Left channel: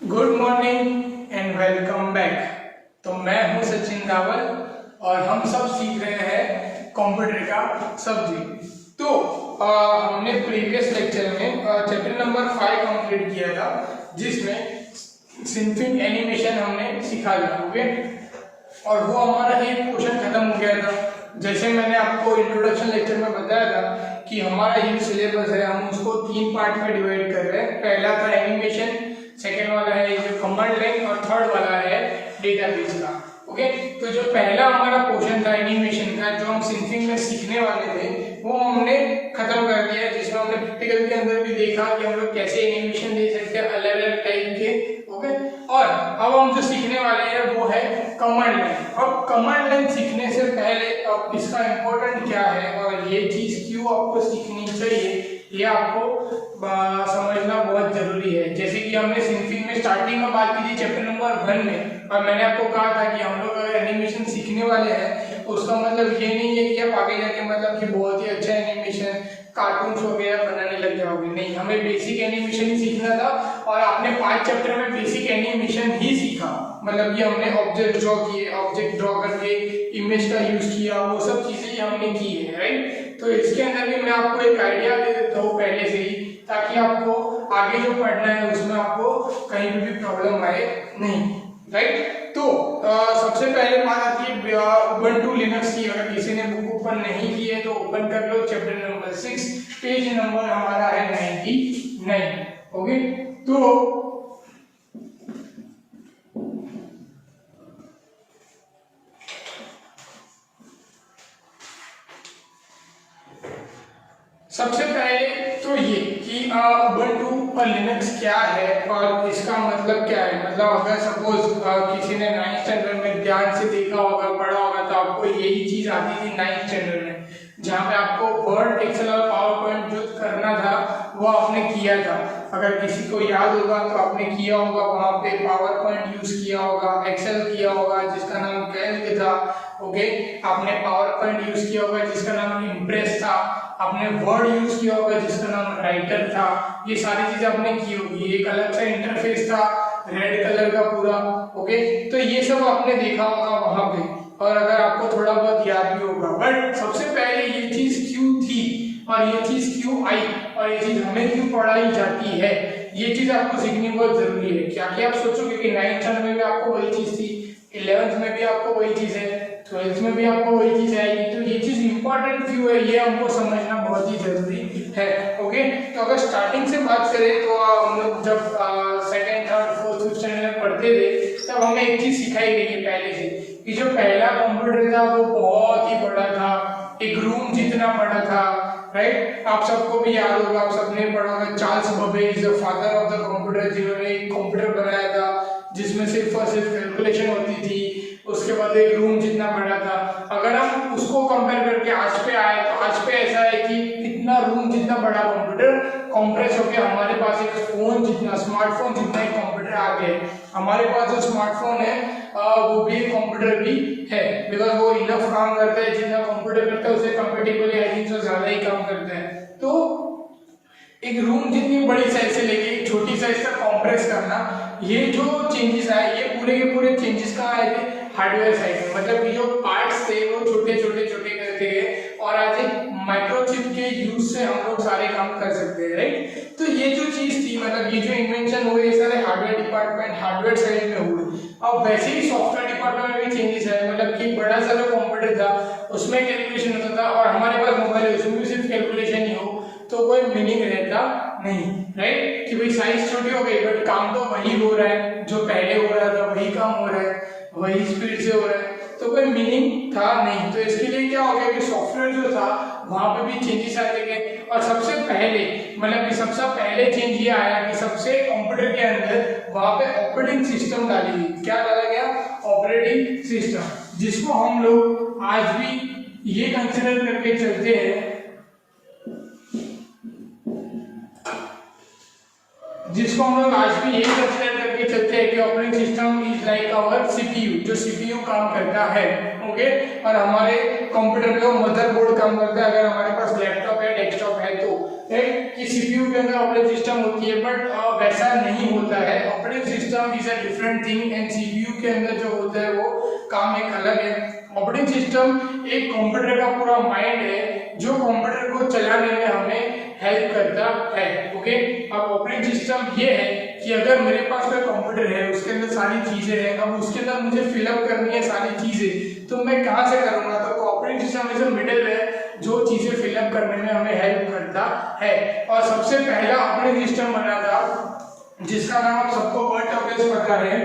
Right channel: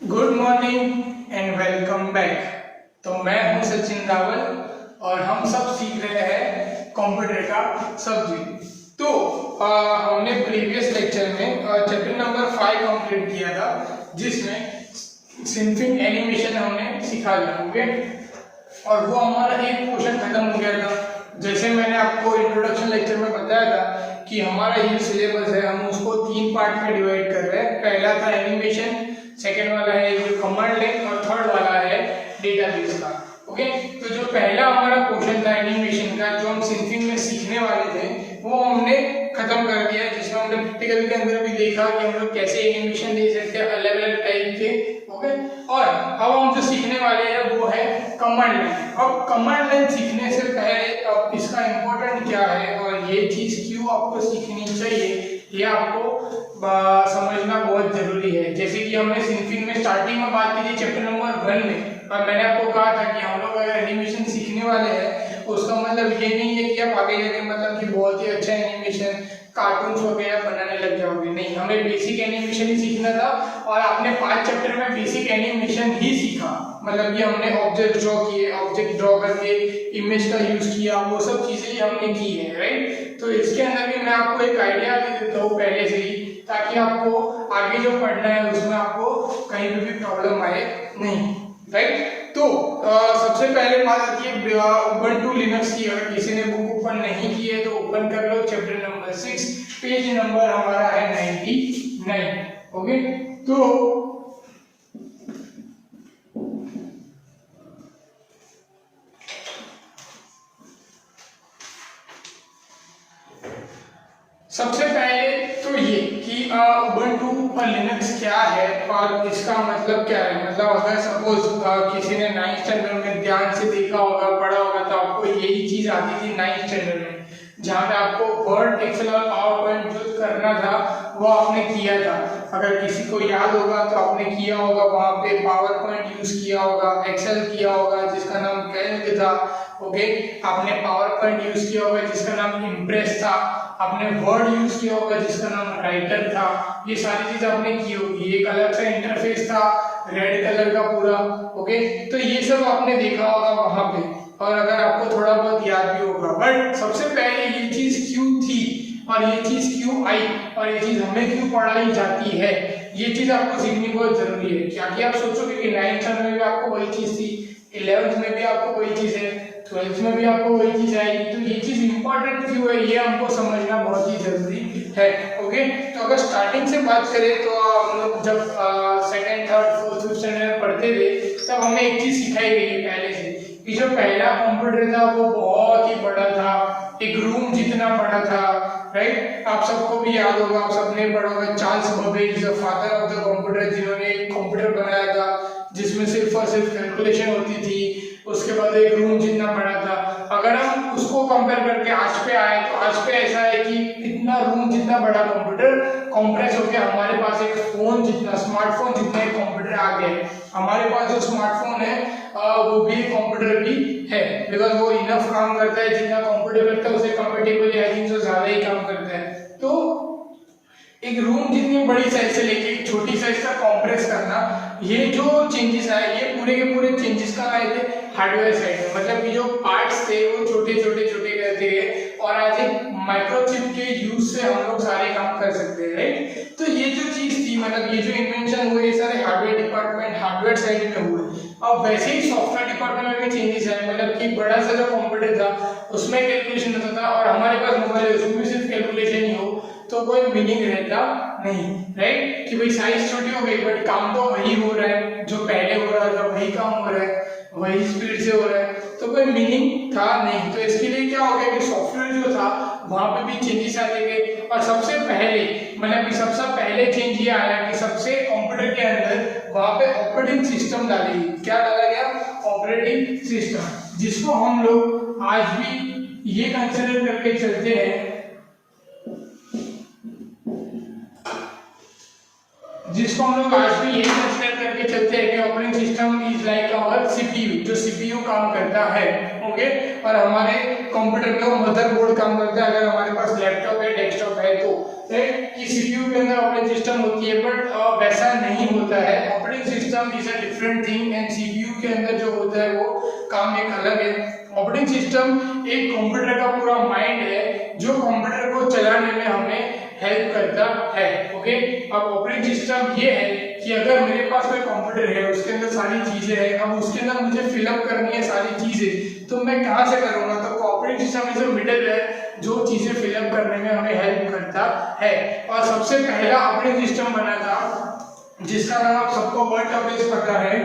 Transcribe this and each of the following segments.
Good morning and welcome back. तो मैं हूं सचिन रावल और हम सब सीख रहे हैं कंप्यूटर का सब्जेक्ट। तो हमने प्रीवियस लेक्चर में चैप्टर नंबर 5 कंप्लीट किया था, जिसमें सिंफिंग एनिमेशन हमने सीखा था। ओके, और वो हमारा एक पोर्शन खत्म हो गया था। जैसे मैंने आपको इंट्रोडक्शन लेक्चर में बताया था कि हमारा ये सिलेबस है, हम उसको 3 पार्ट में डिवाइड कर रहे हैं। पहला था एनिमेशन, सेकेंड वाला है कमांड लाइन और थर्ड वाला है डेटाबेस का। ओके, तो जो पहला हमारा पोर्शन था एनिमेशन का, जो हम सिंफिंग में सीखने वाले थे, वो हमने खत्म कर दिया, जिसमें हमने प्रैक्टिकल के अंदर भी देखा कि हम लोग कैसे एनिमेशन दे सकते हैं अलग अलग टाइप के। ओके, और अब हम जो सीखने वाले हैं वो है कमांड लाइन। अब कमांड लाइन सीखने से पहले अब इसका इम्पोर्टेंट क्या है और ये चीज क्यों आपको सीखनी चाहिए, ये आपको समझना बहुत जरूरी है। जैसे कि हमने सिंफिंग में स्टार्टिंग में बात की थी चैप्टर नंबर 1 में, और मैंने आपको कहा था कि हम लोग अगर एनिमेशन सीखने वाले हैं, उसका मतलब ये नहीं है कि आप आगे जाके मतलब कि बहुत ही अच्छा एनिमेशन कार्टून्स वगैरह बनाने लग जाओगे। नहीं, हमें बेसिक एनिमेशन ही सीखना था, और आपने 5 चैप्टर में बेसिक एनिमेशन ही सीखा। मतलब कि हमने ऑब्जेक्ट ड्रॉ किए, ऑब्जेक्ट ड्रॉ करके इमेज का यूज किया, वो सब चीजें हमने की है, राइट। तो इसके अंदर भी मैं आपको एक आइडिया दे देता हूँ पहले से ही, ताकि आपको आगे जो पढ़ना है उसमें आपको कहीं भी प्रॉब्लम आए नहीं, राइट। तो सबसे पहले बात आती है उबंटू लिनक्स की। अगर किसी ने बुक ओपन नहीं की है तो ओपन कर लो, चैप्टर नंबर 6, पेज नंबर हमारा है 99। ओके, तो सबसे पहले तो ये कि उबंटू और लिनक्स क्या है और इसका मतलब क्या है। मतलब अगर सपोज किसी ने 9th स्टैंडर्ड में ध्यान से देखा होगा, पढ़ा होगा, तो आपको यही चीज आती थी 9th स्टैंडर्ड में, जहाँ पे आपको वर्ड, एक्सेल और पावर पॉइंट जो करना था वो आपने किया था। अगर किसी को याद होगा तो आपने किया होगा, वहाँ पे पावर पॉइंट यूज किया होगा, एक्सेल किया होगा जिसका नाम कैल्क था। ओके, आपने पावर पॉइंट यूज किया होगा जिसका नाम इम्प्रेस था, आपने वर्ड यूज किया होगा जिसका नाम राइटर था। ये सारी चीज आपने की होगी। एक अलग सा इंटरफेस था रेड कलर का पूरा। ओके, तो ये सब आपने देखा होगा वहां पे, और अगर आपको थोड़ा बहुत याद भी होगा। बट सबसे पहले ये चीज क्यों थी और ये चीज क्यों आई और ये चीज हमें क्यों पढ़ाई जाती है, ये चीज आपको सीखनी बहुत जरूरी है। क्या कि आप सोचोगे कि 9th स्टैंडर्ड में भी आपको वही चीज थी, 11th में भी आपको वही चीज है, 12th में भी आपको वही चीज आएगी, तो ये चीज इंपॉर्टेंट क्यों है ये हमको समझना बहुत ही जरूरी है। ओके, तो अगर स्टार्टिंग से बात करें तो हम लोग जब second, third, fourth, fifth standard में पढ़ते थे, तब हमें एक चीज सिखाई गई है पहले से कि जो पहला कंप्यूटर था वो बहुत ही बड़ा था, एक रूम जितना बड़ा था, राइट। आप सबको भी याद होगा, आप सबने पढ़ा होगा Charles Babbage, the father of the computer, जिन्होंने एक कंप्यूटर बनाया था जिसमें सिर्फ और सिर्फ कैलकुलेशन होती थी। उसके बाद एक रूम जितना बड़ा था। अगर हम उसको कंपेयर करके आज पे आए तो आज पे ऐसा है कि इतना रूम जितना बड़ा कंप्यूटर कंप्रेस होकर हमारे पास एक फोन जितना, स्मार्टफोन जितना एक कंप्यूटर आ गया है। हमारे पास जो स्मार्टफोन है वो भी कंप्यूटर भी है, बिकॉज वो इनफ काम करता है, जितना कंप्यूटर करता है उसे कंपेटिबल आई थिंक तो ज्यादा ही काम करता है। तो एक रूम जितनी बड़ी साइज से लेके एक छोटी साइज तक कंप्रेस करना, ये जो चेंजेस आए ये पूरे के पूरे चेंजेस कहाँ आए थे, हार्डवेयर साइड में। मतलब कि जो पार्ट्स थे वो छोटे छोटे छोटे करते हैं, और आज एक माइक्रोचिप के यूज से हम लोग सारे काम कर सकते हैं, राइट। तो ये जो चीज थी, मतलब ये जो इन्वेंशन हुए ये सारे हार्डवेयर डिपार्टमेंट, हार्डवेयर साइड में हुए। अब वैसे ही सॉफ्टवेयर डिपार्टमेंट में भी चेंजेस आए। मतलब कि बड़ा सा जो कंप्यूटर था उसमें कैलकुलेशन होता था, और हमारे पास मोबाइल है उसमें भी सिर्फ कैलकुलेशन ही हो तो कोई मीनिंग रहता नहीं, राइट। कि भाई साइज छोटी हो गई बट काम तो वही हो रहा है, जो पहले हो रहा था वही काम हो रहा है, वही स्पीड से हो रहा है, तो कोई मीनिंग था नहीं। तो इसके लिए क्या हो गया कि सॉफ्टवेयर जो था वहां पे भी चेंजेस आ गए। और सबसे पहले मतलब कि सबसे पहले चेंज ये आया कि सबसे कंप्यूटर के अंदर वहां पे ऑपरेटिंग सिस्टम डाली गई। क्या डाला गया, ऑपरेटिंग सिस्टम, जिसको हम लोग आज भी ये कंसिडर करके चलते हैं, जिसको हम लोग आज भी यही कंसिडर करके करके चलते हैं कि operating system is like our CPU, जो सीपीयू काम करता है, ओके। और हमारे कंप्यूटर पे वो मदरबोर्ड काम करता है, अगर हमारे पास लैपटॉप या डेस्कटॉप है तो, राइट, कि सीपीयू के अंदर ऑपरेटिंग सिस्टम होती है, बट वैसा नहीं होता है। Operating system is a different thing and CPU के अंदर जो होता है वो काम एक अलग है। ऑपरेटिंग सिस्टम एक कंप्यूटर का पूरा माइंड है जो कंप्यूटर को चलाने में हमें हेल्प करता है, ओके। अब ऑपरेटिंग सिस्टम ये है कि अगर मेरे पास कोई कंप्यूटर है, उसके अंदर सारी चीजें हैं, अब उसके अंदर मुझे फिलअप करनी है सारी चीजें, तो मैं कहाँ से करूँगा? तो operating system is a middleware जो चीजें फिलअप करने में हमें हेल्प करता है। और सबसे पहला ऑपरेटिंग सिस्टम बना था जिसका नाम आप सबको वर्ड का बेस पता है,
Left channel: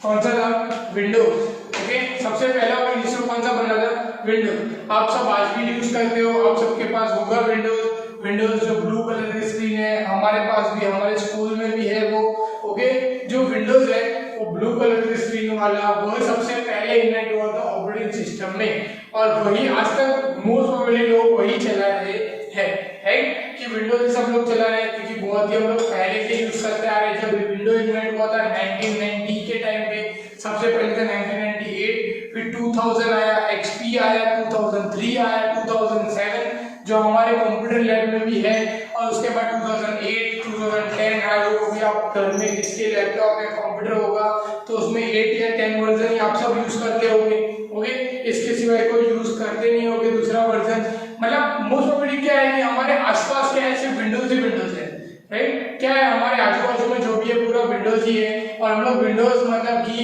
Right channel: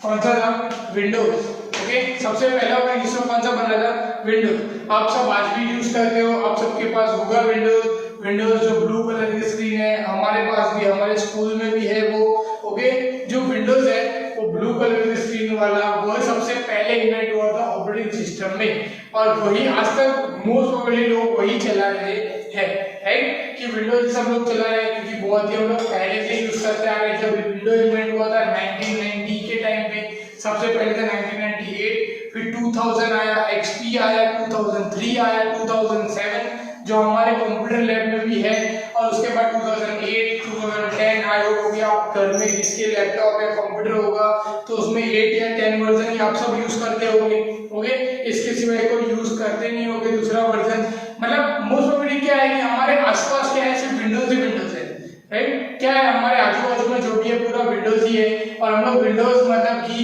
कौन सा था? Windows, okay. सबसे पहला ऑपरेटिंग सिस्टम कौन सा बना था? विंडोज। आप सब आज भी यूज करते हो, आप सबके पास होगा विंडोज। विंडोज जो ब्लू कलर की स्क्रीन है, हमारे पास भी, हमारे स्कूल में भी है वो, ओके। जो विंडोज है वो ब्लू कलर की स्क्रीन वाला, वो सबसे पहले इन्वेंट हुआ था ऑपरेटिंग सिस्टम में, और वही आज तक मोस्ट प्रोबेबली लोग वही चला रहे हैं, राइट, कि विंडोज सब लोग चला रहे हैं क्योंकि बहुत ही हम लोग पहले से यूज करते आ रहे हैं। जब विंडोज इन्वेंट हुआ था 1990 के टाइम पे, सबसे पहले था 1998, फिर 2000 आया, XP आया, 2003 आया, 2007 जो हमारे कंप्यूटर लैब में भी है, और उसके बाद 2008, 2010 आया होगा कि आप घर में किसके लैपटॉप या कंप्यूटर होगा तो उसमें 8 या 10 वर्जन ही आप सब यूज करते होंगे, ओके। इसके सिवाय कोई यूज करते नहीं होंगे दूसरा वर्जन। मतलब मोस्ट ऑफ क्या है कि हमारे आसपास क्या है, सिर्फ विंडोज ही विंडोज है, राइट। क्या है, हमारे आजू बाजू में जो भी है पूरा विंडोज ही है, और हम लोग विंडोज मतलब कि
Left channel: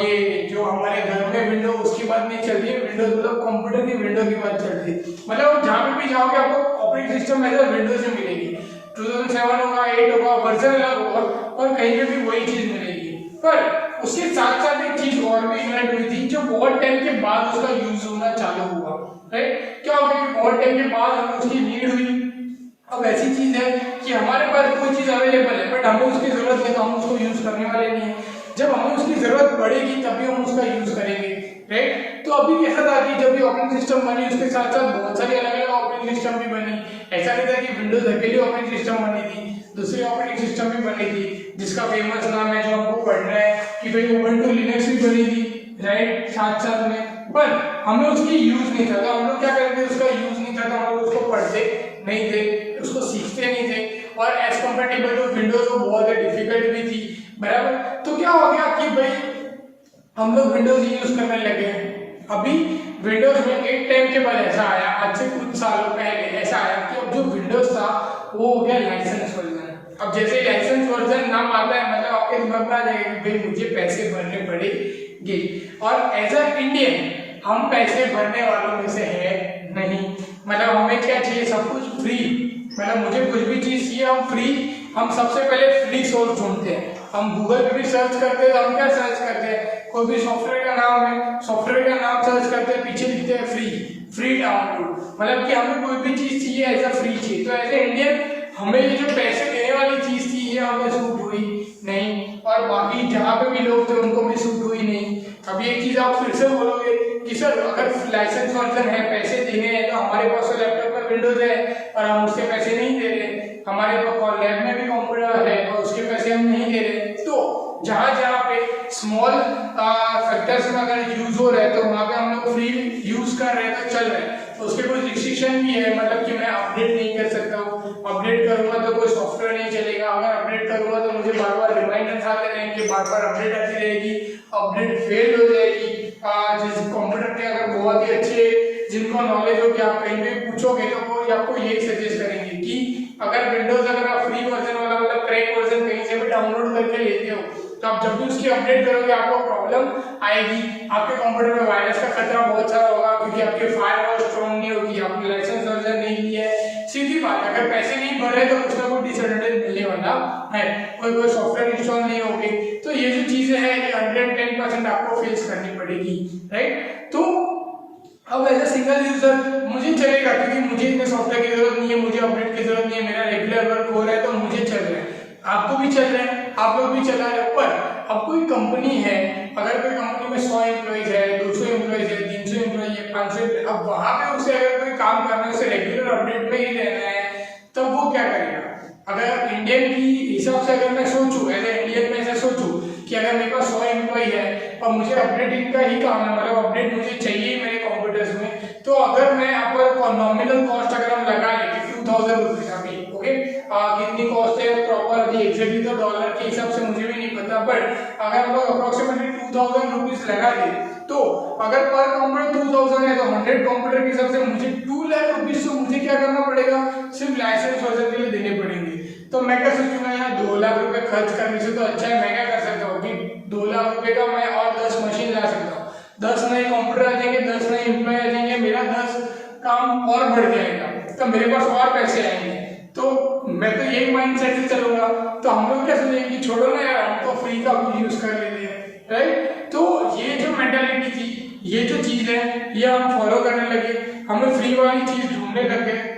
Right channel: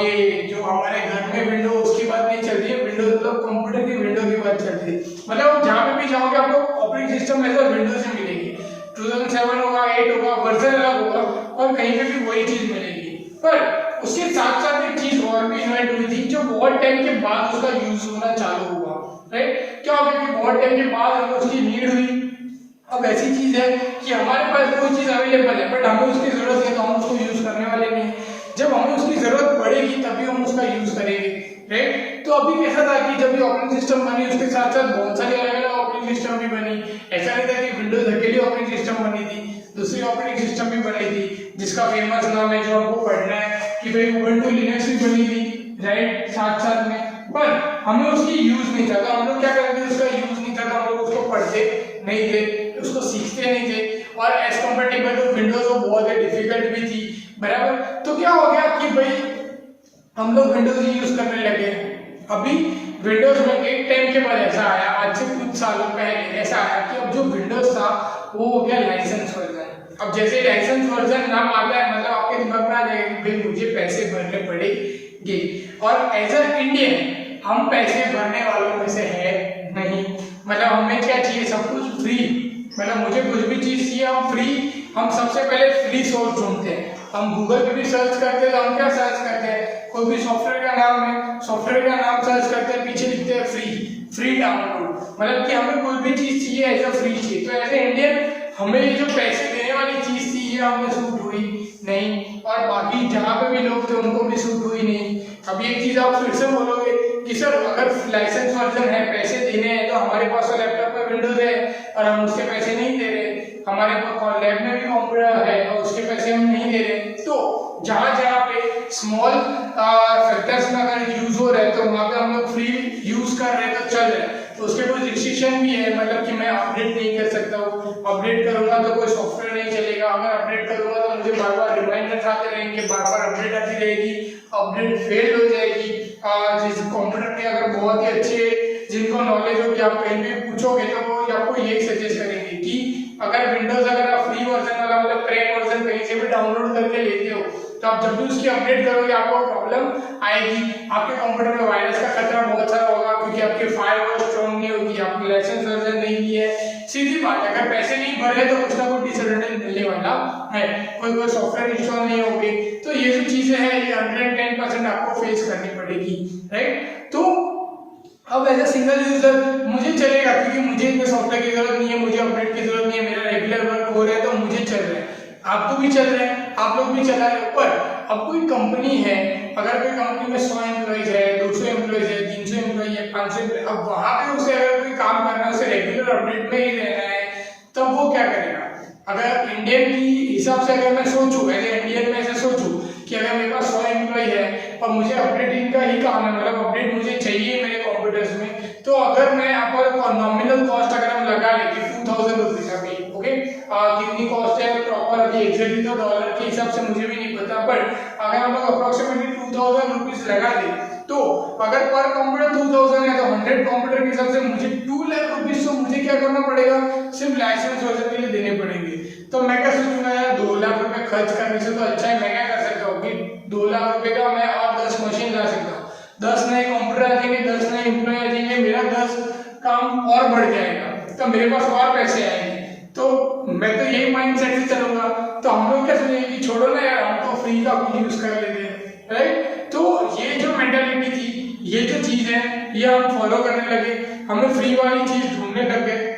ये जो हमारे घर में विंडो उसकी बात नहीं चलती है, विंडोज मतलब कंप्यूटर की विंडो की बात चलती है। मतलब जहाँ पे भी जाओगे आपको ऑपरेटिंग सिस्टम ऐसा विंडोज से मिलेगी, 2007 होगा, 8 होगा, वर्जन अलग होगा, और कहीं पे भी वही चीज मिलेगी। पर उसके साथ साथ एक चीज और भी इन्वेंट हुई थी जो बहुत टाइम के बाद उसका यूज होना चालू हुआ, राइट। क्या हो गया कि बहुत टाइम के बाद हमें उसकी नीड हुई। अब ऐसी चीज है कि हमारे पास कोई चीज अवेलेबल है बट हमें उसकी जरूरत है तो हम उसको यूज करने वाले नहीं है। जब हमें उसकी जरूरत पड़ेगी तभी हम उसका यूज करेंगे, राइट। तो अभी कैसा था कि जब ये ऑपरेटिंग सिस्टम बनी उसके साथ साथ बहुत सारी अलग अलग ऑपरेटिंग सिस्टम भी बनी। ऐसा नहीं था कि विंडोज अकेली ऑपरेटिंग सिस्टम बनी थी, दूसरी ऑपरेटिंग सिस्टम भी बनी थी जिसका फेमस नाम है जो हमको पढ़ना है कि भाई उबंटू लिनक्स भी बनी थी, राइट, साथ साथ में। पर हमें उसकी यूज नहीं था, तो हम लोग क्या करते, उसका यूज नहीं था तो हम लोग उसको पढ़ते नहीं थे, उसको सीखते नहीं थे, और एज कंपेटेबल टू विंडोज वो बहुत डिफिकल्ट भी थी, बराबर। तो क्या हो गया कि भाई हम लोग विंडोज ही यूज करने लगे। अभी विंडोज में एक टाइम के बाद ऐसा आया, आज से कुछ सालों पहले ऐसा आया कि अब जो विंडोज था वो हो गया लाइसेंस वर्जन। अब जैसे लाइसेंस वर्जन नाम आता है मतलब आपके दिमाग में आ जाएगा कि भाई मुझे पैसे भरने पड़ेंगे, और एज अ इंडियन हम पैसे भरने वालों में से है नहीं। मतलब हमें क्या चाहिए, सब कुछ फ्री, मतलब मुझे कुछ भी चीज चाहिए हम फ्री, हम सबसे पहले फ्री सोर्स ढूंढते हैं। हम गूगल पे भी सर्च करते हैं तो हम क्या सर्च करते हैं, कोई भी सॉफ्टवेयर का नाम है, सॉफ्टवेयर का नाम सर्च करते हैं, पीछे लिखते हैं फ्री, फ्री डाउनलोड, मतलब कि हमें कोई भी चीज चाहिए ऐसा फ्री चाहिए। तो एज ए इंडियन हमें ये जो पैसे देने वाली चीज थी ये हमें सूट हुई नहीं, और बाकी जहाँ पे भी लोग थे उनको भी सूट हुई नहीं। अब ये चीज आप फिर से बोलोगे कि सर अगर लाइसेंस वर्जन है, पैसे देने हैं, तो हमारे पास तो लैपटॉप में विंडोज है और हम उसके पैसे नहीं दे रहे, हमारे लैब में भी कंप्यूटर है और उसके पैसे हम नहीं दे रहे। तो जहाँ जहाँ पे स्मॉल फैक्टर्स में अगर यूज हो रहा है तो वहाँ पे हम लोग फ्री यूज कर रहे हैं तो चल रहे हैं। तो उसके कोई रिस्ट्रिक्शन भी है, मतलब कि मैं अपडेट नहीं कर सकता हूँ, अपडेट करूंगा तो कोई सॉफ्टवेयर नहीं चलेगा, अगर अपडेट करूंगा तो मुझे बार बार रिमाइंडर्स आते रहेंगे, बार बार अपडेट आती रहेगी, अपडेट फेल हो जाएगी। जिस कंप्यूटर में अगर बहुत ही अच्छे जिनको नॉलेज हो कि आप कहीं भी पूछोगे तो वो आपको यही सजेस्ट करेंगे कि अगर विंडोज अगर आप फ्री वर्जन वाला मतलब क्रैक वर्जन कहीं से भी डाउनलोड करके लेते हो तो आप जब भी उसकी अपडेट करोगे आपको प्रॉब्लम आएगी, आपके कंप्यूटर में वायरस का खतरा बहुत सारा होगा क्योंकि आपके फायरवॉल स्ट्रॉन्ग नहीं होगी, आपकी लाइसेंस वर्जन नहीं ली है। सीधी बात है, अगर पैसे नहीं भरे तो कुछ ना कुछ डिसएडवांटेज मिलने वाला है, कोई सॉफ्टवेयर इंस्टॉल नहीं होगी। तो ये जो चीजें हैं ये 110% आपको फेस करनी पड़ेगी, राइट। तो अब एज ए सिंगल यूजर मुझे चलेगा क्योंकि मुझे इतने सॉफ्टवेयर की जरूरत नहीं है, मुझे अपडेट की जरूरत नहीं है, मेरा रेगुलर वर्क हो रहा है तो मुझे चल रहा है, आपको भी चल रहा है, आप लोग भी चला रहे हैं। पर अब कोई कंपनी है, अगर कोई कंपनी में 100 एम्प्लॉइज है, 200 एम्प्लॉइज है, 300 एम्प्लॉइज है, 500 एम्प्लॉइज, अब वहां पे उसे अगर कोई काम करना है, उसे रेगुलर अपडेट में ही रहना है, तब वो क्या करेगा, अगर इंडियन की हिसाब से अगर मैं सोचूं, एज ए इंडियन में ऐसे सोचूं कि अगर मेरे पास 100 एम्प्लॉई है और मुझे अपडेटिंग का ही काम है, मतलब अपडेट मुझे चाहिए मेरे कंप्यूटर्स में, तो अगर मैं यहाँ पर नॉमिनल कॉस्ट अगर हम लगा लें 2000 रुपीज अभी, ओके, कितनी कॉस्ट है प्रॉपर अभी एग्जैक्टली तो डॉलर के हिसाब से मुझे भी नहीं पता, बट अगर हम लोग अप्रोक्सीमेटली 2000 रुपीज लगा दें, तो अगर पर कंप्यूटर 2000 है तो 100 कंप्यूटर के हिसाब से मुझे 2 लाख रुपीज तो मुझे क्या करना पड़ेगा, सिर्फ लाइसेंस वर्जन के लिए देने पड़ेंगे। तो मैं क्या सोचूंगा यार 2 लाख रुपए खर्च करने से तो अच्छा है मैं क्या कर सकता हूँ कि 2 लाख रुपए का मैं और 10 मशीन ला सकता हूँ, 10 नए कंप्यूटर आ जाएंगे, 10 नए एम्प्लॉय आ जाएंगे, मेरा 10 काम और बढ़ जाएगा, तो मेरे पास और पैसे आएंगे। तो मैं तो यही माइंड सेट से चलूंगा। तो हम लोग क्या सोचेंगे कि छोड़ो ना यार, हम तो फ्री का यूज कर लेते हैं, राइट। तो ये जो मेंटालिटी थी, ये जो चीज है, ये हम फॉलो करने लगे, हमें फ्री वाली चीज ढूंढने लग गए।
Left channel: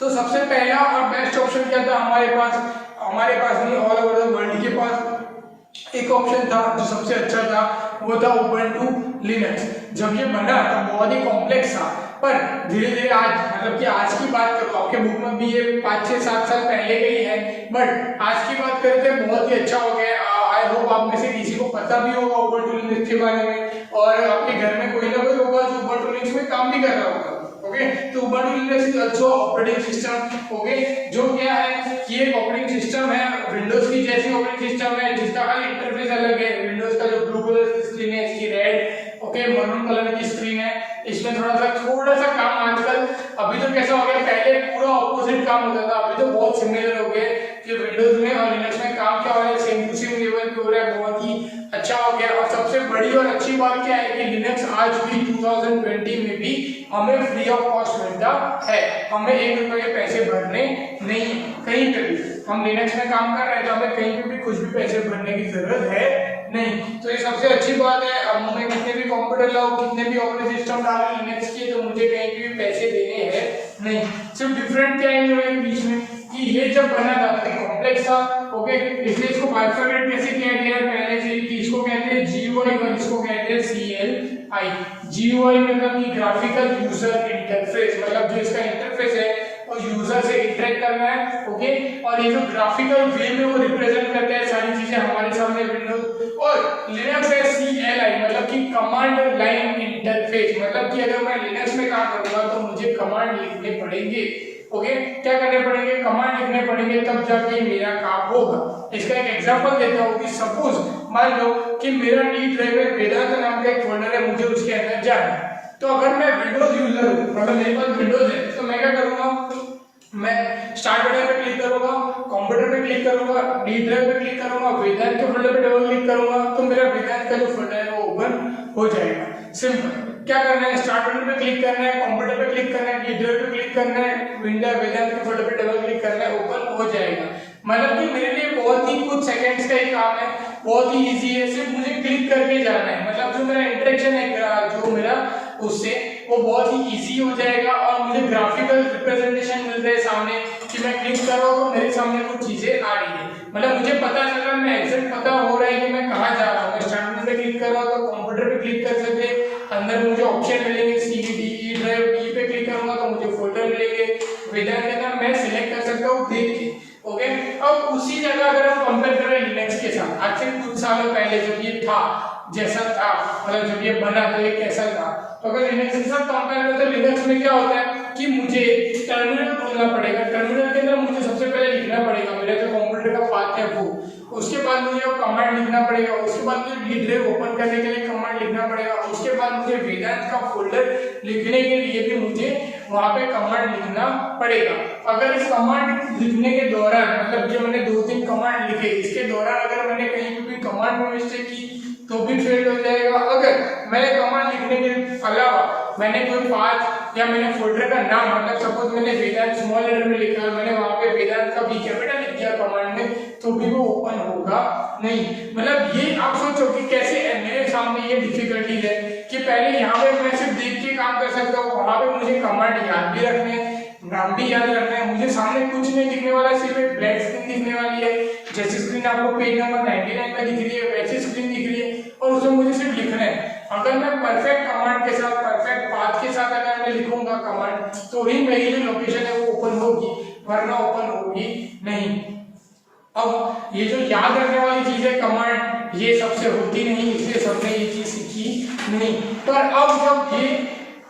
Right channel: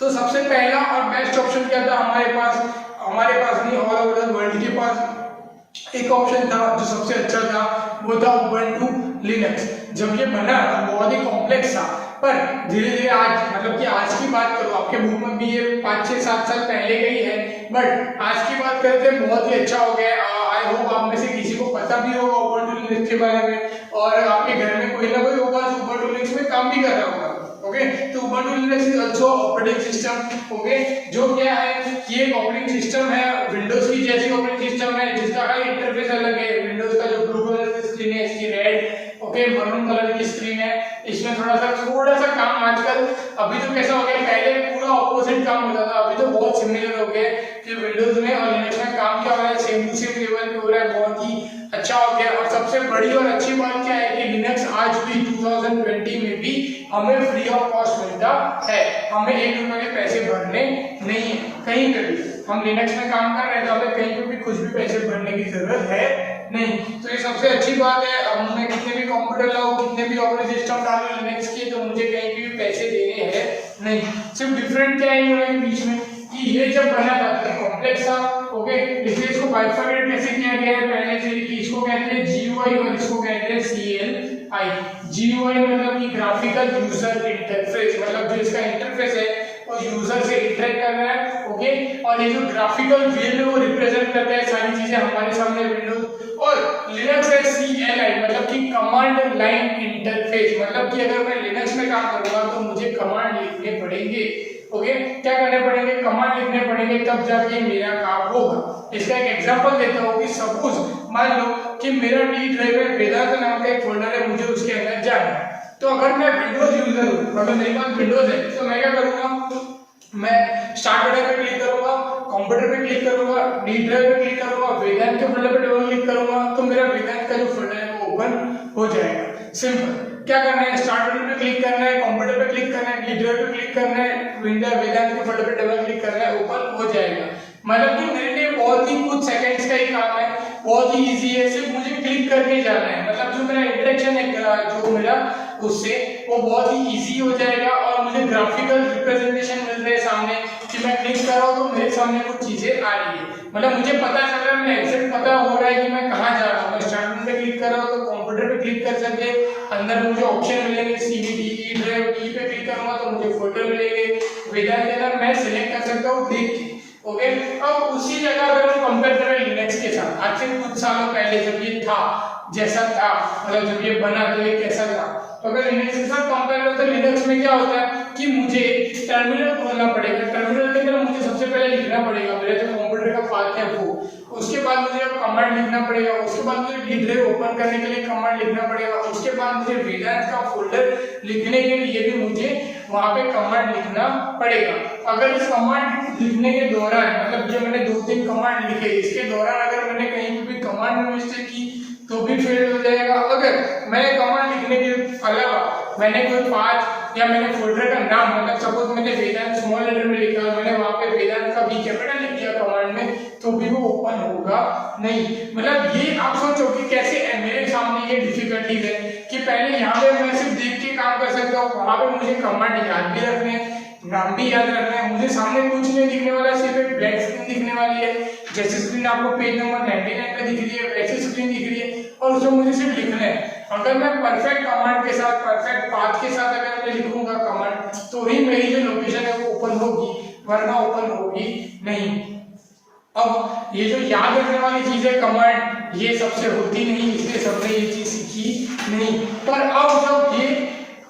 तो सबसे पहला और बेस्ट ऑप्शन क्या था हमारे पास नहीं, ऑल ओवर द वर्ल्ड के पास एक ऑप्शन था जो सबसे अच्छा था, वो था उबंटू लिनक्स। जब ये बना तब बहुत ही कॉम्प्लेक्स था, पर धीरे धीरे आज, मतलब कि आज की बात करूँ, आपके बुक में भी ये 5-6-7 साल पहले का ही है, बट आज की बात करें तो बहुत ही अच्छा हो गया। आई होप आप में से किसी को पता भी होगा उबंटू लिनक्स के बारे में, और आपके घर में कोई ना कोई होगा जो उबंटू लिनक्स में काम भी कर रहा होगा, ओके। तो Ubuntu Linux is also operating system, okay, जो क्या है कि एक ऑपरेटिंग सिस्टम है, विंडोज की जैसी ऑपरेटिंग सिस्टम है, जिसका खाली इंटरफेस अलग है। विंडोज का जो ब्लू कलर की स्क्रीन है, इसकी रेड, ओके, मरून कलर की स्क्रीन है। इसमें थोड़ा सा काम आजकल, अभी तो कैसा हो गया, पहले पूरा ऑपोजिट काम होता था, अभी तो बहुत सिमिलर हो गया कि विंडोज में और लिनक्स में काम क्या हो रहा है, सेम टू सेम लेवल पे हो रहा है, बहुत ही अच्छा हो गया। और सबसे बड़ी और अच्छी बात क्या है कि लिनक्स आज भी 2020 में भी हमें फ्री ऑफ कॉस्ट मिलता है, हमें 1 रुपए के पैसे भरने नहीं है कहीं पे भी। हम लिनक्स में काम कर रहे हैं तो हमें कहीं पे भी कुछ भी पैसे भरने की जरूरत है नहीं। तो ये सबसे अच्छी बात है। अब मैं कितने भी कंप्यूटर लाऊं, कितने भी ऑपरेटिंग सिस्टम डालूं लिनक्स के, तो मुझे कहीं भी पैसे देने हैं नहीं। सिर्फ डिफरेंट क्या है इन दोनों के बीच में कि ये जब बना था कॉम्प्लेक्स था, ओके, इसलिए इसको बाइफरकेट कैसे किया गया है पहले से कि इसको कहते हैं जीयूआई और इसको कहते हैं सीएलआई। जीयूआई मतलब कि ग्राफिकल यूजर इंटरफेस, मतलब जो इसका इंटरफेस है वो यूजर से इंटरेक्ट कर रहा है, ओके, और ये जो ग्राफिकल वे में वो रिप्रेजेंट करता है सारी चीजें हमारे सामने विंडोज। और लिनक्स है सीएलआई, मतलब कि कमांड लाइन इंटरफेस, मतलब कि अगर मैं लिनक्स में काम करूंगा तो मुझे कमांड लिखने पड़ेंगे, ओके, क्या करने पड़ेंगे, कमांड लिखने पड़ेंगे, तब जाके मेरा काम होगा। इसका एक एग्जांपल देता हूँ कि सपोज मान लो कि मेरा डी ड्राइव है, वेदांत नाम का एक फोल्डर है, मुझे उसके अंदर जाना है। तो अगर मैं विंडोज यूजर हूँ, मतलब मेरे पास विंडोज है, तो मैं क्या करूंगा, मैं स्टार्ट बटन पे क्लिक करूंगा, कंप्यूटर पे क्लिक करूंगा, डी ड्राइव पे क्लिक करूंगा, वेदांत के फोल्डर पे डबल क्लिक करूंगा, तो मेरा वेदांत का जो फोल्डर है वो ओपन हो जाएगा। सिंपल। क्या करना है, स्टार्ट बटन पे क्लिक करना है, कंप्यूटर पे क्लिक करना है, डी ड्राइव पे क्लिक करना है, वेदांत के फोल्डर पे डबल क्लिक करना है, ओपन हो जाएगा। मतलब कि मेरे लिए बहुत ही कुछ सेकंड्स का ही काम है, बहुत ही इजी है, सिर्फ मुझे क्लिक करके जाना है। मतलब जो मेरा इंटरेक्शन है जो मेरा उससे वो बहुत ही इजी हो जाएगा, और मुझे ग्राफिकल रिप्रेजेंटेशन मिल रहा है सामने कि मैं क्लिक कर रहा हूँ तो मेरे सामने कुछ चीजें आ रही है। मतलब मुझे पता चल रहा है, मैं एग्जैक्ट पता हो रहा है कि मैं कहाँ जा रहा हूँ। मैं स्टार्ट बटन पे क्लिक कर रहा हूँ तो कंप्यूटर पे क्लिक कर सकते हैं, अंदर मुझे ऑप्शन मिलेंगे, सीडी, ई ड्राइव, ई पे क्लिक करूंगा तो मुझे फोल्डर मिलेंगे, वेदांत के अंदर मैं सिलेक्ट कर सकता हूँ देख के, ओके। अब उसी जगह अगर हम कंपेयर करें लिनक्स के साथ, आज से कुछ सालों पहले जब ये था, जैसा था, मतलब जब ये बना तो ये कैसा था, तो अगर लिनक्स के साथ कंपेयर करें तो लिनक्स में क्या होता है कि मुझे टर्मिनल खोलना पड़ेगा, टर्मिनल के अंदर मुझे सबसे पहले लिखना पड़ेगा मेरा जो कंप्यूटर का पाथ है वो, उसके बाद मुझे कमांड लिखना पड़ेगा, उसके बाद मुझे डी ड्राइव ओपन करने के लिए कमांड लिखना पड़ेगा, उसके बाद मुझे वेदांत का फोल्डर लिखने के लिए भी मुझे वहां पे कमांड लिखना पड़ेगा। अगर इस कमांड लिखने के दौरान, मतलब जो मैंने 2-3 कमांड लिखे, इसके दौरान अगर मैंने कहीं भी कमांड में मिस्टेक की तो भी फेल हो जाएगा। अगर मैंने कमांड लिखने के अलावा मैंने कोई पाथ या मैंने फोल्डर का नाम, मतलब सपोज मैंने वेदांत स्मॉल लेटर में लिखा और मैंने वहां पे वेदांत का भी कैपिटल लिख दिया कमांड में, तो भी वो ओपन होगा नहीं। मतलब ये आप सोचो कि कैसे है, मेरे सामने ये डिफिकल्टीज है कि पहले यहाँ पे मैं सिर्फ देख के काम कर सकता हूँ, वहां पे मुझे कमांड याद भी रखने हैं, नाम भी याद रखना है, मुझे सामने कुछ नहीं दिखने वाला, सिर्फ एक ब्लैंक स्क्रीन दिखने वाली है, जैसी स्क्रीन आपको पेज नंबर 99 पे दिख रही है वैसी स्क्रीन दिख रही है, और उसमें मुझे सिर्फ लिखना है। अगर मैं परफेक्ट कमांड के साथ, परफेक्ट पाथ के साथ अगर मैं लिखूंगा कमांड, तो ही मेरी जो लोकेशन है वो ओपन होगी, वरना ओपन होगी नहीं। अब ये जो याद रखने वाली चीज है कमांड, ये सबसे होती नहीं, इसलिए सबने ये चीज सीखी नहीं। पर अब जब ये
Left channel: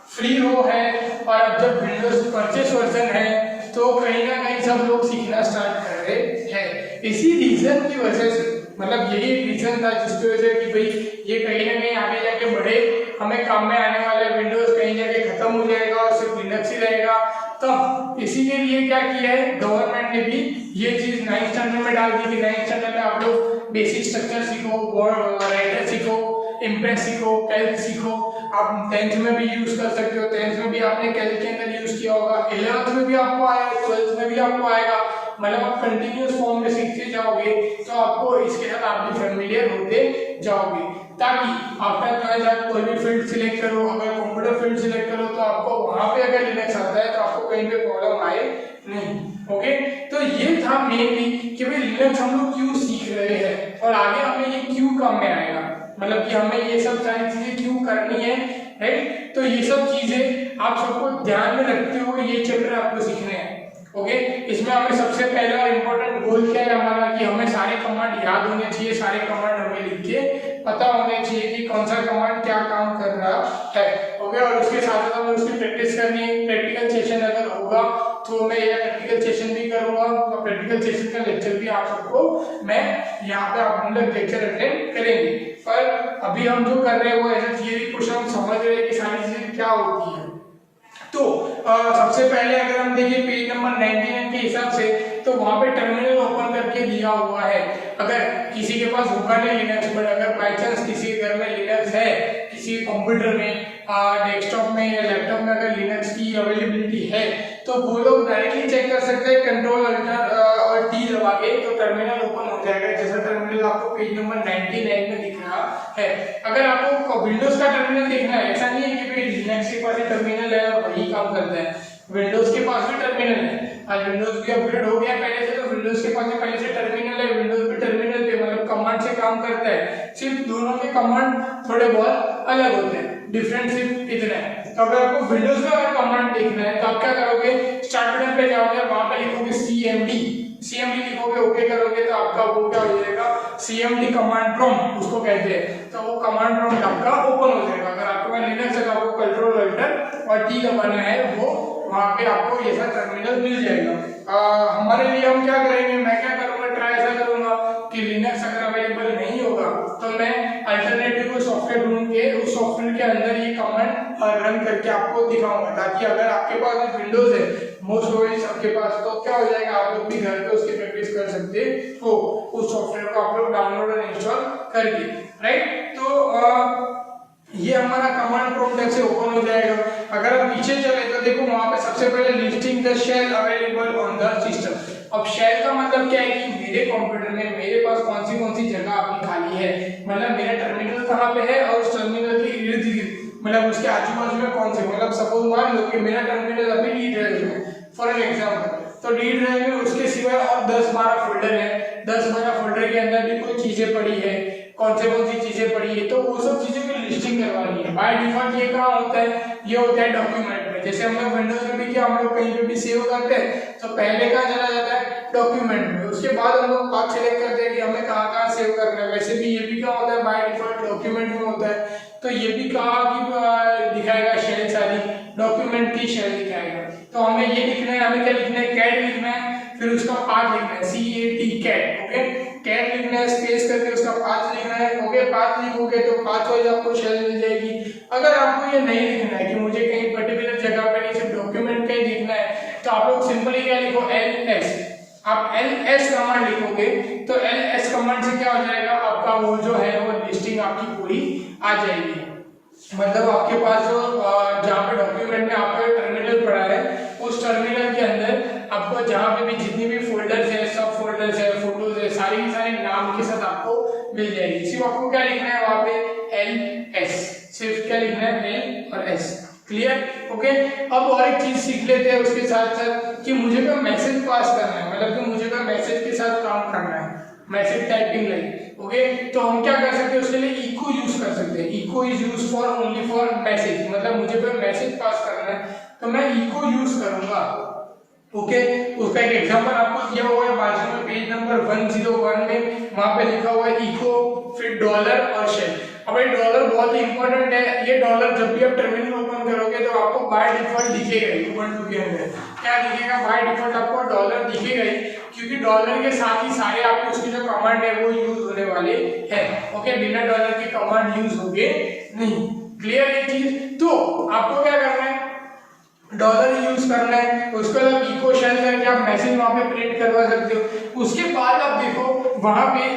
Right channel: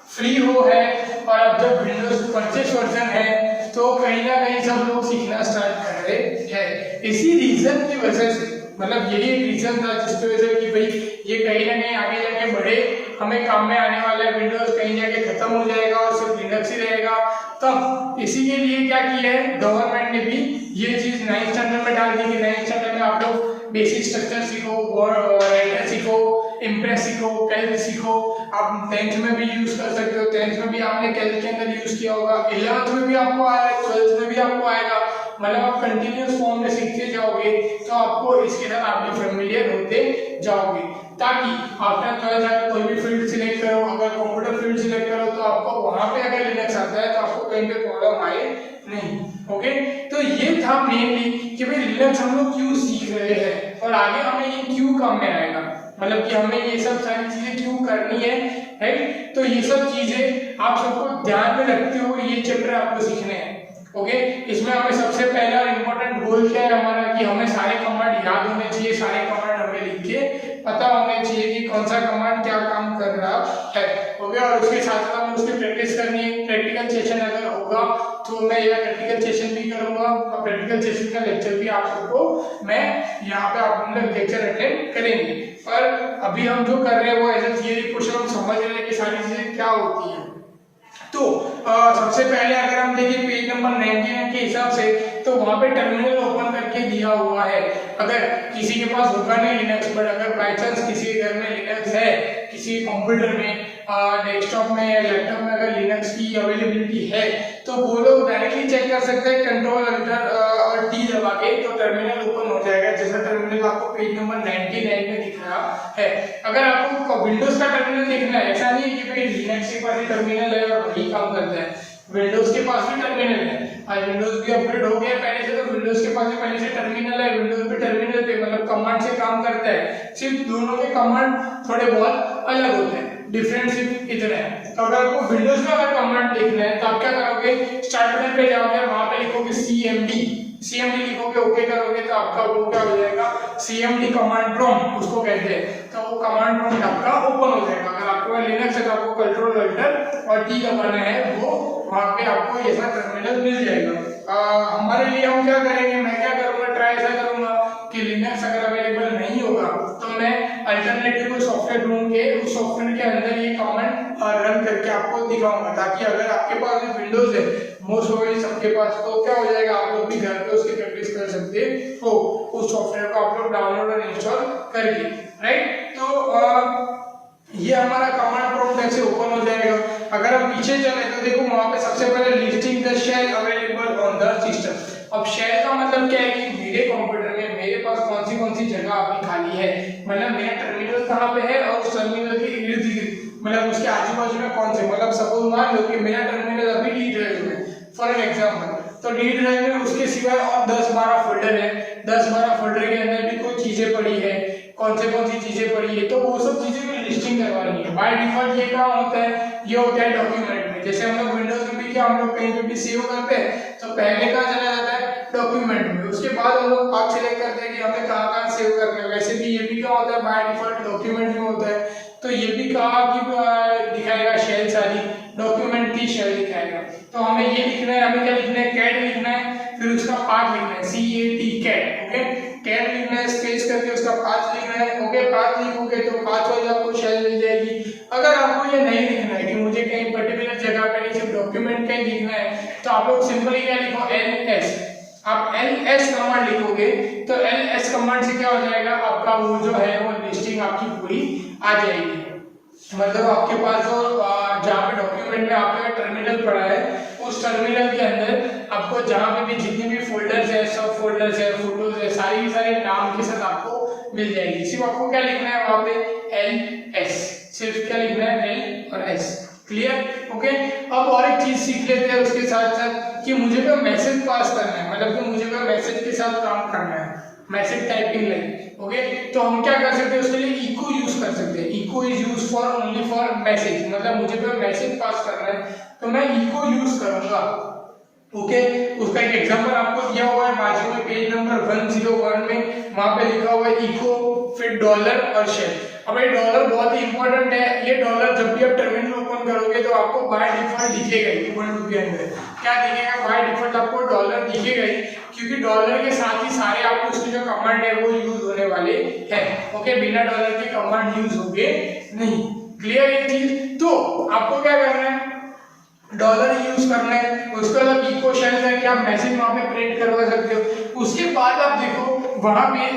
फ्री हो है और अब जब विंडोज परचेस वर्जन है तो कहीं ना कहीं सब लोग सीखना स्टार्ट कर रहे हैं। इसी रीजन की वजह से, मतलब यही एक रीजन था जिसकी वजह से कि भाई ये कहीं ना कहीं आगे जाके बढ़े, हमें काम में आने वाला है, विंडोज कहीं जाके खत्म हो जाएगा और सिर्फ लिनक्स ही रहेगा। तब इसी के लिए क्या किया है गवर्नमेंट ने भी ये चीज 9th स्टैंडर्ड में डाल दी कि 9th स्टैंडर्ड में आप लोग बेसिक स्ट्रक्चर सीखो, राइटर सीखो, इम्प्रेस सीखो, कैल्क सीखो। आप 10th में भी यूज कर सकते हो, 10th में भी आपने कैल्क के अंदर यूज किया होगा, 11th में भी आपको आया, 12th में भी आपको आएगा। मतलब आप कंटिन्यूअस फॉर्म में सीखते जाओगे तो आपको इसके साथ आप भी फेमिलियर होते जाओगे, ताकि आफ्टर 12th आप कोई भी फील्ड सिलेक्ट करो, अगर कंप्यूटर फील्ड सिलेक्ट करो तो आपको वहां पे अगर लिनक्स आता है तो आपको कहीं पे प्रॉब्लम आए नहीं। ओके, तो ये था मेनली कि भाई लिनक्स हम लोग क्यों सीख रहे हैं और आगे हमें ये क्यों काम में आएगा, मतलब कि हमें ये सब सारी चीजें क्यों करनी है, राइट। तो ये सब चीजें आप सबको ध्यान में रखते हुए ये चैप्टर आपको सीखने हैं। ओके, इसमें हमें सबसे पहला इंपॉर्टेंट गोल क्या है हमारा कि हमें सारे कमांड याद होने चाहिए, सारे कमांड हमें लिख के पता होने चाहिए कि कौन सा कमांड क्या काम कर रहा है। ओके, और उसके साथ साथ हमें उसकी प्रैक्टिस करनी है। प्रैक्टिकल सेशन अगर होगा तो मैं यह प्रैक्टिकल सेशन भी करूंगा और प्रैक्टिकल सेशन का लेक्चर भी आप सबको मैं यहाँ पे आप लोग लेक्चर अटेंड करेंगे। पर अभी हम जो कर रहे हैं वो ऐसे थियरी क्वेश्चन हम समझ रहे हैं कि सारी चीजें क्या होती है। तो सबसे पहले अगर हम देखें पेज नंबर 99 के हिसाब से तो वहां पे टर्मिनल ओपन करके दिया हुआ है। अगर किसी के पास होगा नहीं लिनक्स, पर अगर बाय चांस किसी के घर में लिनक्स है, किसी कंप्यूटर में, डेस्कटॉप में या लैपटॉप में अगर लिनक्स की अवेलेबिलिटी है तो वो लोग डायरेक्टली चेक कर सकते हैं कंट्रोल और टी दबा के, तो टर्मिनल ओपन हो जाएगा। जैसा टर्मिनल आपको पेज नंबर 99 में दिख रहा है। अगर आपको विंडोज का टर्मिनल देखना है, ऐसा नहीं है कि भाई लिनक्स के पास टर्मिनल है और वही काम करता है, विंडोज के पास भी टर्मिनल है। आज विंडोज भी अपग्रेड हो गया पहले से, तो विंडोज के पास भी पहले से टर्मिनल है, विंडोज भी टर्मिनल पे मतलब कमांड से काम करता है। सिर्फ दोनों के कमांड थोड़े बहुत अलग होते हैं, डिफरेंस सिर्फ इतना है। तो अगर आपको विंडोज का अगर कमांड देखना है तो आप क्या करोगे, स्टार्ट बटन पे जाओगे और वहां पे लिखोगे cmd लिखोगे, ओके करोगे तो आपका वो क्या हो जाएगा, cmd कमांड प्रॉम्प्ट उसको कहते हैं। तो वो कमांड प्रॉम्प्ट आपका ओपन हो जाएगा। अगर आपके पास लिनक्स है तो आपको कंट्रोल अल्टर और टी दबाना है, वो वहां पे आपको ये सब टर्मिनल मिल जाएगा। हमारे लिए हम क्या करेंगे, मैं क्या करूंगा, ट्राई ऐसा करूंगा कि लिनक्स अगर अवेलेबल नहीं होगा तो मैं अल्टरनेटिव कोई सॉफ्टवेयर ढूंढ के उस सॉफ्टवेयर के अंदर ये कमांड रन करके आपको दिखाऊंगा, ताकि अगर आपके पास विंडोज है, मोस्ट प्रोबेबली सबके पास, तो क्या हो जाएगा, आप लोग भी घर पे उसकी प्रैक्टिस कर सकते हो उस सॉफ्टवेयर को आप लोग डाउनलोड और इंस्टॉल करके, राइट। तो ये हमारा कमांड प्रॉम्प्ट ऐसे ओपन हो जाएगा। अगर आप पीछे चले तो देखो वहां पे सबसे पहले listing the shell available on the system. अब शेल का मतलब क्या है कि मेरे कंप्यूटर में मेरे पास कौन सी जगह अभी खाली है, मतलब मेरा टर्मिनल कहाँ पे है और उस टर्मिनल के इर्द गिर्द मतलब उसके आजू बाजू में कौन से, मतलब सपोज मान लो कि मेरा टर्मिनल अभी डी ड्राइव में फॉर एन एग्जांपल, तो डी ड्राइव में उसके सिवाय और 10-12 फोल्डर है, 10-12 फोल्डर के अंदर भी कोई चीजें पड़ी है, कौन सी चीजें पड़ी है, तो वो सब चीजें की लिस्टिंग करवानी है। बाय डिफॉल्ट ये काम होता है, ये होता है डॉक्यूमेंट में। जैसे हम लोग विंडोज में भी क्या हम लोग कहीं पे भी सेव करते हैं तो पहले कहाँ चला जाता है, डॉक्यूमेंट में, उसके बाद हम लोग पाथ सिलेक्ट करते हैं कि हमें कहाँ सेव करना है। वैसे भी ये भी क्या होता है, बाय डिफॉल्ट डॉक्यूमेंट में होता है। तो ये भी कहा कि दिखाएगा शेल सारी डॉक्यूमेंट की शेल दिखाएगा। तो हमें ये लिखना है, हमें क्या लिखना है, कैट लिखना है, फिर उसका पाथ लिखना है, CAT कैट। ओके, कैट लिखना है, स्पेस करके उसका पाथ लिखना है। ओके, पाथ लिखोगे तो पाथ वाइज आपको शेल मिल जाएगी। अगर आपको ये नहीं लिखना है कि मुझे कहीं पर्टिकुलर जगह पे नहीं, सिर्फ डॉक्यूमेंट का ही लिखना है, तो आप लोग सिंपली क्या लिखो, LS। आप LS कमांड लिखोगे तो LS कमांड से क्या हो जाएगा, आपका वो जो है वो लिस्टिंग आपकी पूरी आ जाएगी। मतलब आपके पास जो जहाँ पे डॉक्यूमेंट में आपका टर्मिनल पड़ा है, उस टर्मिनल के अंदर आपको जहाँ पे भी जितनी भी फोल्डर्स है, सब फोल्डर्स है, फोटोज है, सारी की सारी नाम के साथ आपको मिल जाएगी। सिर्फ आपको क्या लिखना है वहाँ पे LS, सिर्फ क्या लिखना है L और S। क्लियर? ओके, अब और एक चीज सीख लेते हैं उसके साथ साथ कि मुझे कोई मैसेज पास करना है, मतलब कि मुझे कोई मैसेज के साथ काम करना है, मैसेज टाइपिंग लाइक। ओके, तो हम क्या कर सकते हैं, उसके लिए इको यूज कर सकते हैं। Echo is use for only for message, मतलब मुझे कोई मैसेज पास करना है तो मैं इको यूज करूंगा। ओके। उसका एक एग्जांपल आपको दिया हुआ है बाजू में पेज नंबर 101 में, वहां पे लिखा हुआ है इको, फिर डॉलर और शेल। अब ये डॉलर बहुत ही इंपॉर्टेंट है। ये डॉलर जब भी आप टर्मिनल ओपन करोगे तो आपको बाय डिफॉल्ट दिखेगा ही उबंटू के अंदर। क्या दिखेगा? बाय डिफॉल्ट आपको डॉलर दिखेगा ही, क्योंकि डॉलर के साथ ही सारे आपको उसके जो कमांड है वो यूज होने वाले हैं। ओके, बिना डॉलर के कमांड यूज होंगे नहीं। क्लियर है चीज? तो आपको क्या करना है, डॉलर यूज करना है, उसके बाद इको शेल करके आप मैसेज वहां पे प्रिंट करवा सकते हो। उसके बाद आप देखो वहां पे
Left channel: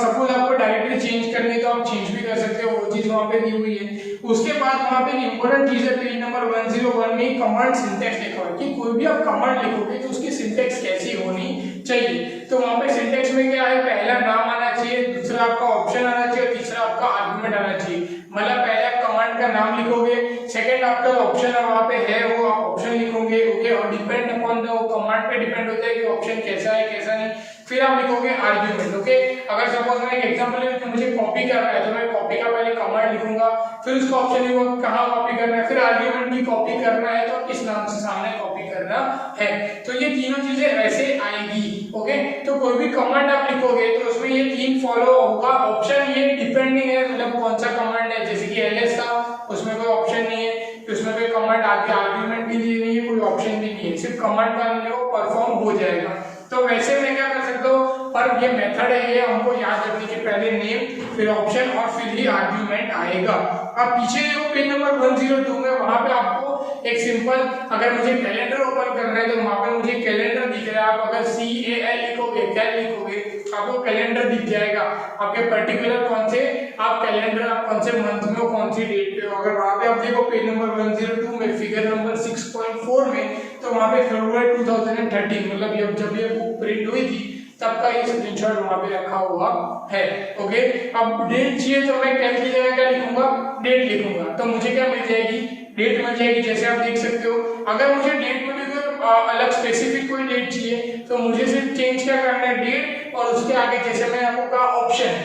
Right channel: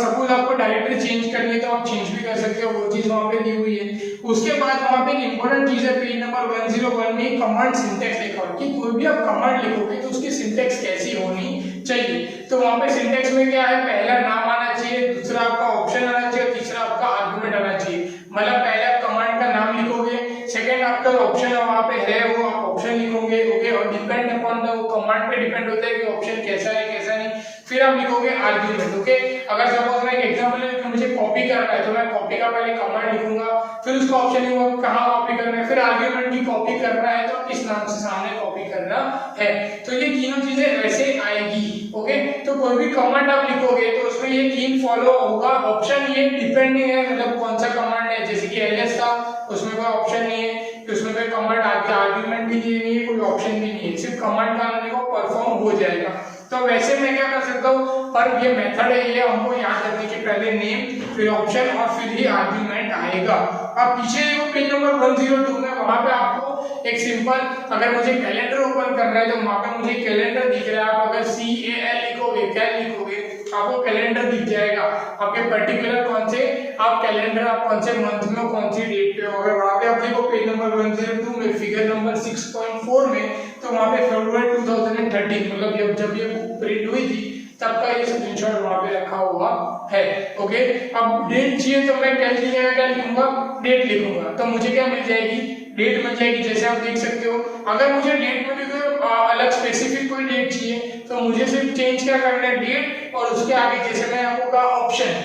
सपोज आपको डायरेक्टली चेंज करनी है तो आप चेंज भी कर सकते हो, वो चीज वहां पे दी हुई है। उसके बाद वहां पे इंपॉर्टेंट चीज है, पेज नंबर 101 में कमांड सिंटैक्स लिखा हुआ है कि कोई भी आप कमांड लिखोगे तो उसकी सिंटैक्स कैसी होनी चाहिए। तो वहां पे सिंटैक्स में क्या है, पहला नाम आना चाहिए, दूसरा आपका ऑप्शन आना चाहिए, तीसरा आपका आर्गुमेंट आना चाहिए। मतलब पहले आप कमांड का नाम लिखोगे, सेकंड आपका ऑप्शन वहां पे है वो आप ऑप्शन लिखोगे। ओके, और डिपेंड अपॉन द कमांड पे डिपेंड होता है कि ऑप्शन कैसा है कैसा नहीं। फिर आप लिखोगे आर्गुमेंट। ओके, अगर सपोज मैं एक एग्जांपल है कि मुझे कॉपी करना है तो मैं कॉपी का पहले कमांड लिखूंगा, फिर उसका ऑप्शन लिखूंगा कहां कॉपी करना है, फिर आर्गुमेंट की कॉपी करना है तो किस नाम से सामने कॉपी करना है। तो ये तीनों चीजें ऐसे आएगी। ओके, तो कोई भी कमांड आप लिखोगे तो उसमें ये तीन फॉलो होगा। ऑप्शन ये डिपेंडिंग है, मतलब कौन सा कमांड है, जैसे कि एलएस था उसमें कोई ऑप्शन नहीं है, उसमें कोई कमांड आगे आर्गुमेंट भी नहीं है, कोई ऑप्शन भी नहीं है, सिर्फ कमांड का वो परफॉर्म हो जाएगा। तो वैसे मैं क्या कर सकता हूँ, पर ये मेथड है, ये हमको याद रखने के पहले नेम, फिर ऑप्शन और फिर ही आर्गुमेंट आएगा। अब पीछे देखो पेज नंबर 102 में, वहां पे आपको एक सिंपल, अगर मुझे कैलेंडर ओपन करना है तो वहां पे मुझे कैलेंडर दिख रहा है। आप अगर CAL लिखोगे, कैल लिखोगे, आपको कैलेंडर दिख जाएगा। आपके पर्टिकुलर कौन से आप कैलेंडर, आप कौन से मंथ में हो, कौन सी डेट पे हो। अगर वहां पे आप देखो पेज नंबर 102 में फिगर नंबर 6.4 में, तो वहां पे फरवरी 2013 मतलब जब ये बुक प्रिंट हुई थी तब का ये स्क्रीनशॉट वहां पे रखा हुआ है। ओके, अब डेट चाहिए तो मैं कैल की जगह क्या लिखूंगा, डेट लिखूंगा, तो मुझे क्या मिल जाएगी, डेट मिल जाएगी। जैसे आप देख सकते हो, अगर मुझे डेट में भी कोई अलग स्पेसिफिक कोई डेट चाहिए तो मुझे सिर्फ चेंज क्या करना है, डेट, और उसके आगे जैसे मैं आपको कहा ऑप्शन,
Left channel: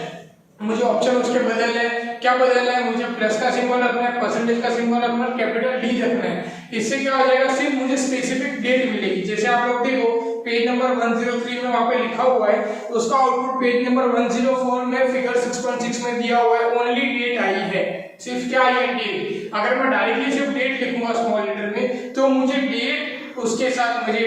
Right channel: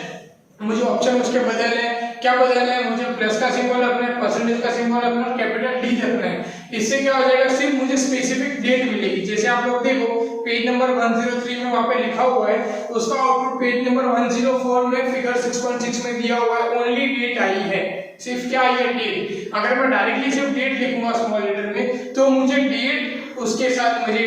मुझे ऑप्शन उसके बदलना है। क्या बदलना है, मुझे प्लस का सिंबल रखना है, परसेंटेज का सिंबल रखना है, कैपिटल डी रखना है। इससे क्या हो जाएगा, सिर्फ मुझे स्पेसिफिक डेट मिलेगी। जैसे आप लोग देखो पेज नंबर 103 में वहां पे लिखा हुआ है, उसका आउटपुट पेज नंबर 104 में फिगर 6.6 में दिया हुआ है, ओनली डेट आई है, सिर्फ क्या आई है, डेट। अगर मैं डायरेक्टली सिर्फ डेट लिखूंगा स्मॉल लेटर में तो मुझे डेट, उसके साथ मुझे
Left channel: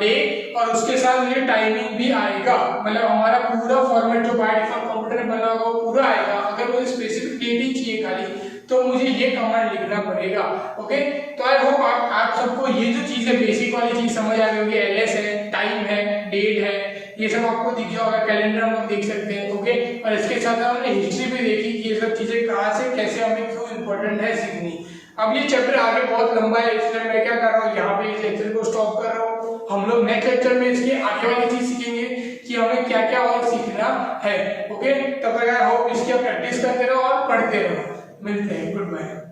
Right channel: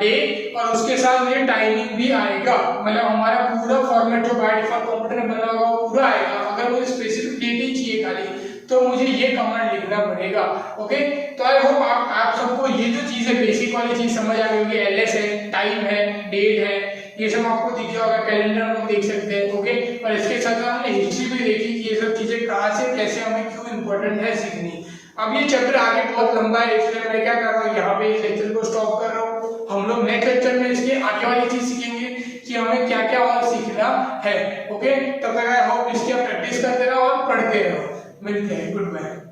डे, और उसके साथ मुझे टाइमिंग भी आएगा। मतलब हमारा पूरा फॉर्मेट जो बाय डिफॉल्ट कंप्यूटर में बना होगा वो पूरा आएगा। अगर मुझे स्पेसिफिक डेट ही चाहिए खाली तो मुझे ये कमांड लिखना पड़ेगा। ओके, तो आई होप आप सबको ये जो चीज है बेसिक वाली चीज समझ आ गई होगी। एलएस है, टाइम है, डेट है, ये सब आपको दिख गया होगा। कैलेंडर हम लोग देख सकते हैं। ओके, और इसके साथ हमने हिस्ट्री भी देखी कि ये सब चीजें कहाँ से कैसे हमें क्यों इंपॉर्टेंट है सीखनी। अब ये चैप्टर आगे बहुत लंबा है, इसलिए मैं क्या कर रहा हूँ, यहाँ पे इस लेक्चर को स्टॉप कर रहा हूँ। हम लोग नेक्स्ट लेक्चर में इसके आगे वाली चीज सीखेंगे कि हमें क्या क्या और सीखना है। ओके, तब तक आई होप इसकी आप प्रैक्टिस करते रहो और पढ़ते रहो। मिलते हैं, गुड बाय।